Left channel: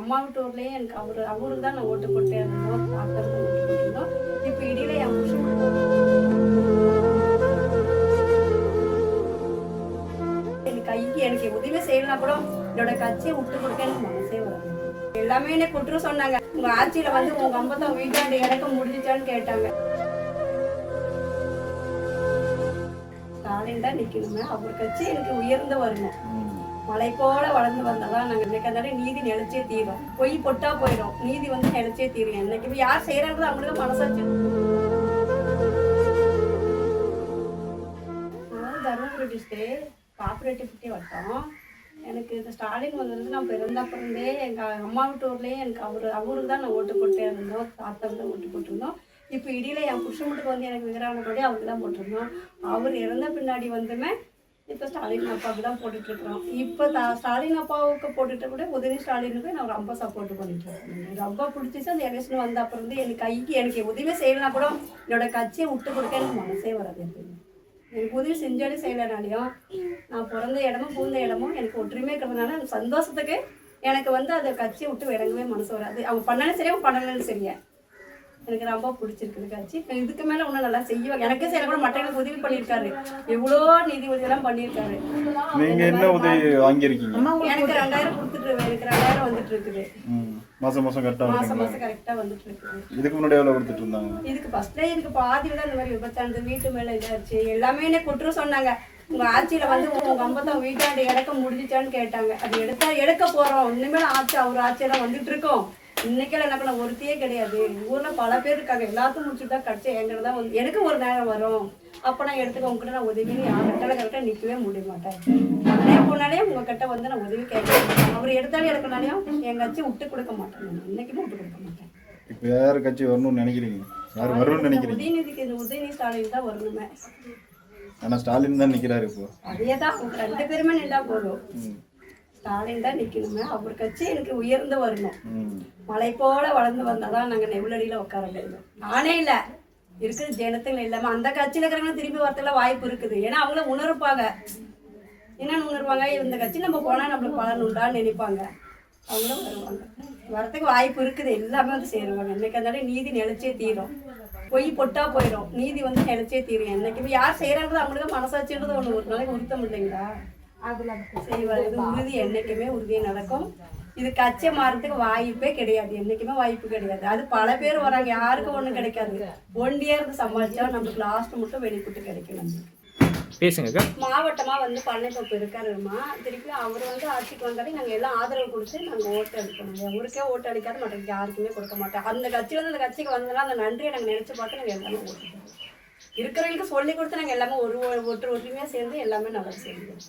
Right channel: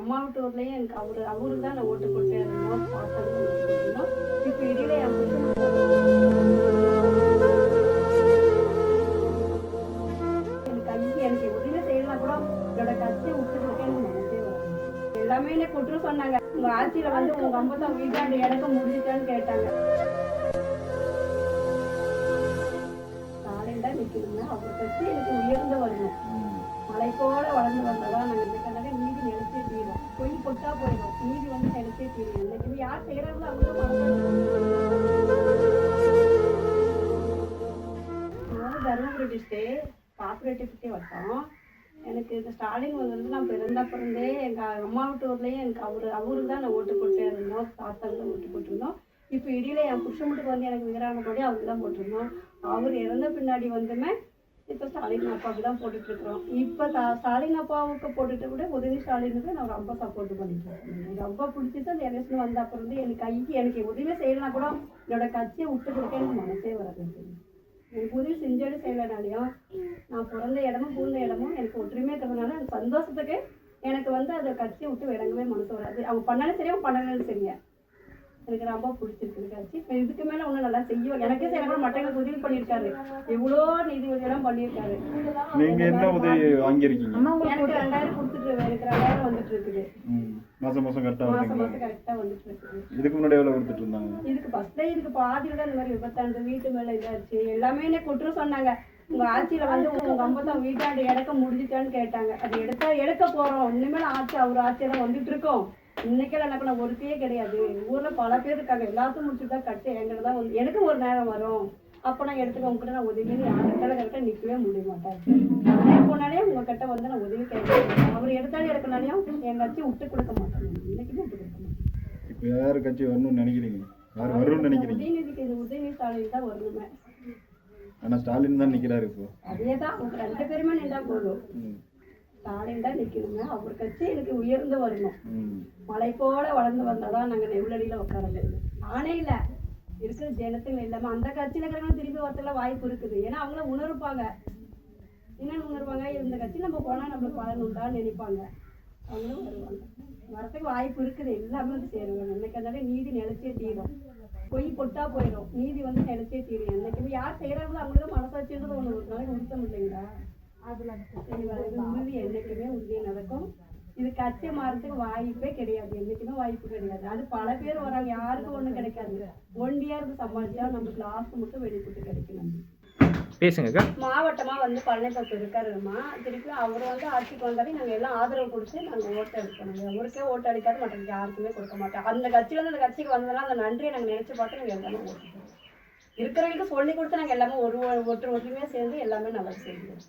அம்மா வீட்டு ஊர்லேயே எனக்கு அவருக்கு தான் நான் ஓட்டு போட்டு இருந்தோம், டாக்டர் தான் ஓட்டு போட்டிருந்தோம். இப்போ இடையில என் புருஷன் எனக்கு உதவி செய்யலாம் கூட என்னோட கட்சியை விட்டு கொடுக்க எனக்கு மனசே வரும். எல்லாமே என்ன குற்றம் சொன்னாங்க. உங்க ஆட்சியில வந்து உங்க அம்பத்தம் வீட்டாண்டு இறக்க முடிஞ்சிச்சான்னு கேட்டாங்க. ஸ்டாலின் தான் நிக்கணுமே, அவர் கட்சி எனக்கு உயர்ந்து வரணும். மலை போல வளர்ந்து வந்ததான் நாங்கள் இன்னைக்கு நீதி நிலைச்சே தீரும். பொய் பொட்டா போயிடும், நீதி வந்து நிலைச்சே தீரும். என்னைக்கு யார் செய்யறாங்களோ அவங்களுக்கு மனசாட்சி. தருமபுரி டிஸ்ட்ரிக்ட் காப்பரேட்டிவிட்டி வட்டம். எனக்கு இந்த ஸ்டாலின் வந்து நான் பிறந்தே எங்கள் அம்மா வீட்டு ஊர்லேயே எனக்கு அவருக்கு தான் நான் ஓட்டு போட்டு இருந்தோம், தாத்தாக்கு தான் ஓட்டு போட்டிருந்தோம். இப்போ இடையில என் புருஷன் வீட்டுக்கு வந்து எனக்கு விவரானபடி அவருக்கு தான் போட்டிருந்தோம். அவர் இறந்த பின்னாடி வந்துமே இப்போ ஸ்டாலின் அப்பாவுக்கு தான் போட்டுட்ருக்குறோம். இப்போ ஸ்டாலின் அப்பாவுக்கு போட்டுட்டு கூட உதவி ஸ்டாலினுக்கு நான் ரொம்ப சப்போர்ட் பண்ணிட்டு இருக்கேன். ரொம்ப பிடிச்சிச்சு. அந்த எலெக்ஷன் வந்த அப்புறம் வந்து எனக்கு உதவி செய்யலாம் கூட என்னோட கட்சியை விட்டு கொடுக்க எனக்கு மனசே வராது. எனக்கு உதவி செஞ்சாலும் செய்யலைனாலையும் நான் பிறந்த இடமும் பூந்த இடமும் எனக்கு ஒற்றுமையாக இருக்கிறதுனால எனக்கு சந்தோஷத்துக்கு எனக்கு வந்து அந்த கட்சியை விட்டு இறங்கவே மனசு வராது. அவங்க பண்ணாலும் சரியா, அவங்க பண்ணலன்னு சரியா, எனக்கு ரொம்ப பிடிச்சிருக்குது கட்சி. இப்போ இதுக்கு மேலே இன்னும் நல்லா செய்வாங்க. எனக்கே செய்ய கூட மற்றவங்களுக்கு உதவி பண்ணியிருக்காரு. எவ்வளோ நிதி உதவியெல்லாம் பண்ணியிருக்காரு. என்ன உதவி வாங்கியிருக்கீங்க? எனக்கு 2000 கொடுத்துட்டு, எனக்கு 2000 வந்துட்டு இருக்குது. மாசம் கரெக்டாக வந்துட்டு இருக்குது. இதுக்கு முன்னாடி எவ்வளோ கொடுத்துட்டு இருந்தாங்க? இதுக்கு ஃபர்ஸ்ட்லேயே இதுக்கு பாதியில் தான் இந்த மாதிரி விபத்தாண்டு வீட்டு மேலே இதாச்சு. எல்லாமே என்ன குற்றம் சொன்னாங்க. உங்கள் ஆட்சியில் வந்து உங்கள் அம்பத்தம் வீட்டாண்டு இறக்க முடிஞ்சிச்சான்னு கேட்டாங்க. அது எடுக்க போகிறோம். இனிமேல் அவர் ஆட்சியெல்லாம் வந்துட்டு இருக்கோம். இன்னைக்கெல்லாம் என்ன பண்ண ஒருத்தையே கிடையாது. ஊரில் பல பேர் இருக்காங்க. எல்லாத்தையும் முடிச்சுட்டு தான் கட்சி எங்களை தான் வந்து எனக்கு ஒரு நேரம் வரும். அப்போ நான் எடுத்துக்க உங்ககிட்ட நான் உதவி கரெக்டாக நிற்கவே முடிய மாட்டேன். நானே போனாலே உங்ககிட்ட வந்து நான் உதவி கேட்க அவர் எடுத்தாலும் எடுக்கனாலையும் என் கட்சி விட்டு கொடுக்க மாட்டேன். இன்னைக்குமே விட்டு கொடுக்க மாட்டேன். இப்போ யார் கட்சி வரணும்னு நினைக்கிறீங்க? யார் வரும்னு நினைக்கிறீங்க? உதயநிதிக்கு இந்த உதயநிதி ஸ்டாலின் தான் வரணுமே. ஆனால் ஸ்டாலின் தான் நிற்கிறாரு. இப்போ அதே தான் அவங்க 2 பேருமே நின்றா போதும். ஸ்டாலின் தான் நிற்கணுமே, அவர் கட்சி எனக்கு உயர்ந்து வரணும். மலை போல வளர்ந்து வந்தாதான் நாங்கள் நெவ்வளடியில் உட்கார முடியும். நானே இல்லை, இருக்கிற ஜனத்துங்க இல்லாமல் அந்த கட்சியில் இருக்கிறவங்க திரும்பி வரத்துக்குலாம் வாய்ப்பு இருக்குது. ஏன்னா அவங்கள உணர்ப்பாங்க. என்னென்னு உணர்வாங்க, இந்த கட்சி நம்ம போனால் நம்மளுக்கு பலன் உண்டான்னு நினைப்பாங்க. அவங்களும் வருவாங்க, வரத்துக்கு வாய்ப்பு இருக்குது. எல்லாமே வந்து சேருவாங்க. இன்னைக்கு இருந்தாலும் நீதி நிலைச்சே தீரும். பொய் பொட்டா போயிடும், நீதி வந்து நிலைச்சே தீரும். என்னைக்கு யார் செய்யறாங்களோ அவங்களுக்கு மனசாட்சின்றது ஒன்று ஒரு நாளைக்கு உறுத்தம் இல்லைங்களா? செய்வார். இது உறுதி, என்னைக்குமே உறுதியாக நடக்கும். இது கட்சி மாறதுக்கு வாய்ப்பே கிடையாது. என்னைக்குமே வாய்ப்பு கிடையாது. அது பல பேர் வராங்க, யாருக்கும் ஒன்றும் கிடைக்காது. ஒண்டியா இருந்து சமாளிச்சா நமக்கு லாஸ்ட் மட்டும் வெளிக்கூட்டு கிடைக்கும். பேசுங்க. மாவட்டமாக வந்து பழனிப்பப்பு இருக்காருமா, திருப்பி அவர் வந்து ஆட்சிக்கு வந்தாலே நாங்கள் எல்லாம் ஆதரவு கொடுத்து நாங்கள் ஓட்டு அளிக்கணும். ஊருக்கே ஓட்டு அளிக்காது, மற்றவங்க யாருக்குமே கொடுக்க மாட்டோம். அந்த கட்சியிலேருந்து அந்த கட்சிக்கு வந்ததுனா அந்த நன்றியை நாங்கள் நினச்சி பார்த்து நாங்கள் எல்லாமே ஓட்டு இருக்கிறவங்களுக்கு சொல்லி கொடுத்து நாங்கள் எல்லாமே ஒற்றுமையாக சேர்ந்து எல்லாமே நல்லா செய்வோம்.